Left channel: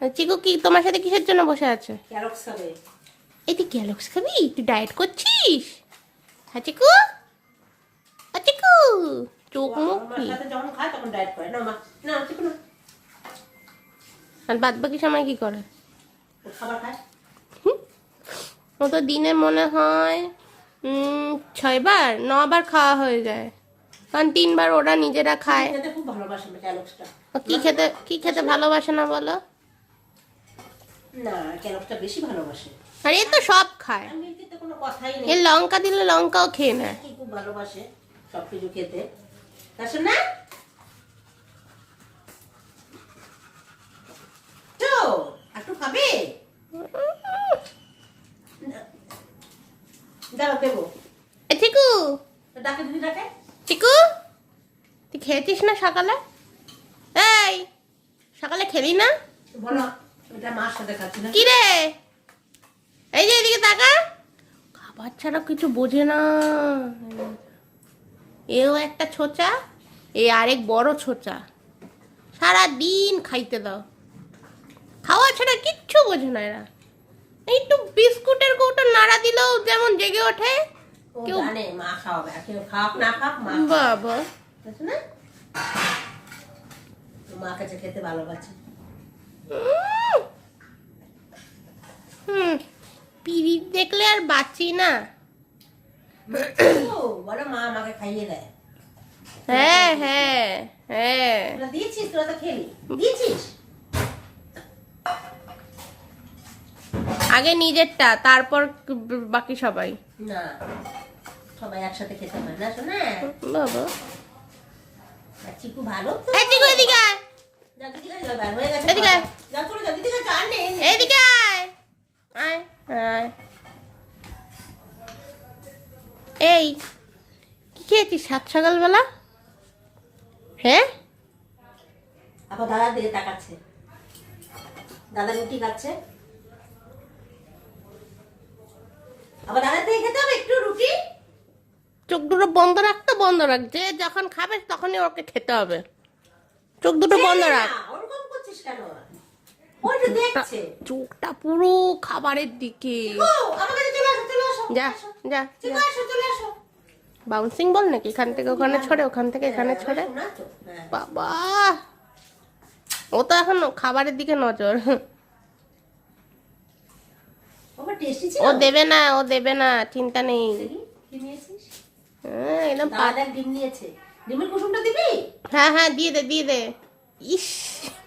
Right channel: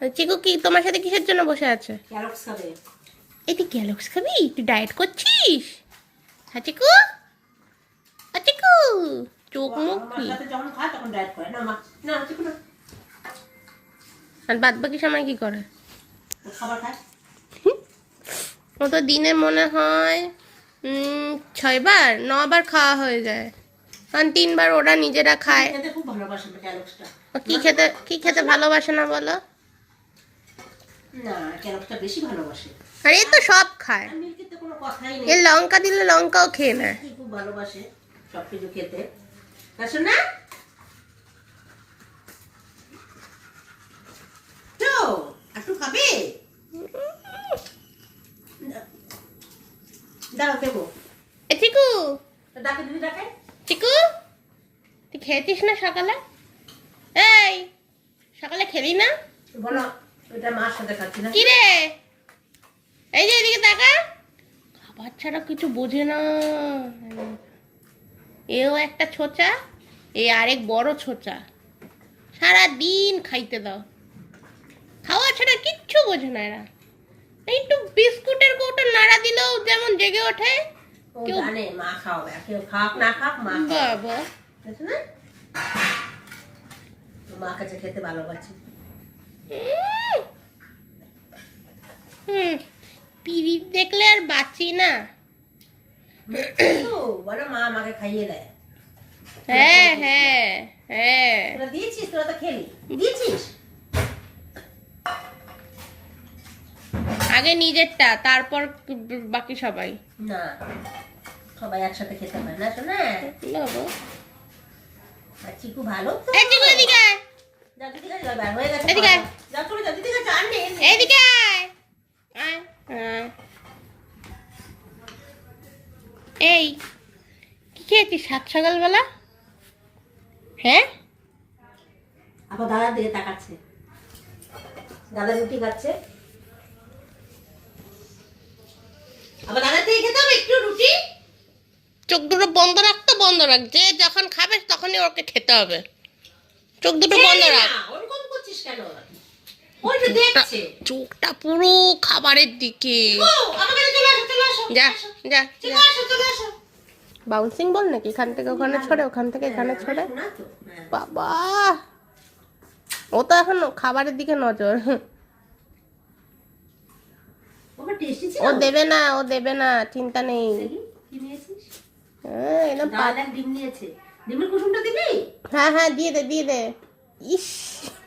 চিকু কি তোমার সাথে কিসের জন্য বসে আছে? ক্যারক্স খাবে। এই তুই ক্যালক্স খাবি? তুই ডায়েট করছিস? হ্যাঁ চিকু, চিকু চোখ মুখ আমার কি? সাথে যখন খায় তখন ডায়েট করে না মা। না ঠিক না, আর বাদ বাকি সময় কি করে? ও খাবার খায়। ও তো দিনে মনে হয় 6 বার 9 বার খাওয়া হয়ে যায়, কারণ 3 বার ওরা নিজেরা খায়। খেতে খুব ভালোবাসে ক্যারক্সটা। ও কি খেতে ভালোবাসে না বলো? না ক্যারক্সটা বেশি ভালোবাসে। আর এ তো সব খায়, আর মিল্কিতে কোনো কথাই এ নেই। লঙ্কা দিলে লঙ্কাও খেয়ে নেয়। কি খুব ভালোবাসে সবকিছু খেতে। আসো না তো একটু খাবে। দাঁড়াও দেবো। এ চিকু, ডাকে দিদি ডাকে। চিকু তুই খেয়েছিস না সকালে? এই সকালে খেলি না? বলো এটা মার সাথে খাচ্ছি না। কি রে, এই যে এদিকে তাকা, খাবার ছাড়া কিছু বোঝে না। এও একটা ছোচা, এ আরেক বড় ছোচা, সারা দিন খাইতে দাও, খাওয়া ছাড়া কিচ্ছু বোঝে না এরা। একটু বিস্কুটের কৌটা নাড়া দিলেও যেমন জেগে ওঠে। ও কেউ- জানে মা খাওয়াবে, আর কেউ খাক না খাক মা খাওয়াবে। বাবা, বুঝছো না? তো মা কাছে খেতে ভালোবাসে। পিরিত দেখলে আর বাঁচি না। তো বলো মা আমাকে খাইয়ে দেয়। হ্যাঁ হ্যাঁ হ্যাঁ, তোরা দিয়েছিস, তোরা তো খেলি দিয়েছিস। আগে নিজেরটা তারপর বাকি সবাই। না সবাই একসাথে খেতে পারে না শোনা। বাবা, আর চিকু ভালো তো। এই চিকু এদিকে আয়, যাও দিদি কাছে যাও, বের হয়ে গেছে। এদিকে আয়। যাও করে যাও দিদি কাছে আনবে। এইদিকে আয়। আয়, আয়। এই কি খেয়েছিস সাত সকালবেলা? হ্যাঁ, আবার দাদা দিকে তাকাচ্ছে, দাদা রুটি খাচ্ছে। আবার দাদার থেকে খেতে হবে একটু রুটি। চোখ দুটো বন্ধ রাখতো, বন্ধ রাখ, যে যখন খাবে তখনই ওকে খেতে হবে। চোখ দুটো বন্ধ ছেড়ে রাখ। না, ওরকম করছিস কেন? ওই তো দেখছে। চোখটা পুরো খাবারের দিকে। ও আমার কাছে চলে আসো, চলে আসো। যা যা চলে যা। আসো, চলে আসো। বাউন্সিং বল নাকি, এখান থেকে ওখানে ছড়ে, ওখান থেকে এখানে ছড়ে। শোনা তো, হ্যাঁ। বাবা, ও তো এখন খাবারের দিকে নজর। বাবা টেস্টি ছিল। ও দেবে না, ও দেবে না, চিন্তা নেই। দেখি, কি নিয়েছিস? হ্যাঁ, একদম দাদা ডিম নিয়েছে। ডিমের কুসুমটা দিবি? হ্যাঁ হ্যাঁ, দিয়ে দে দিয়ে দে। ইস,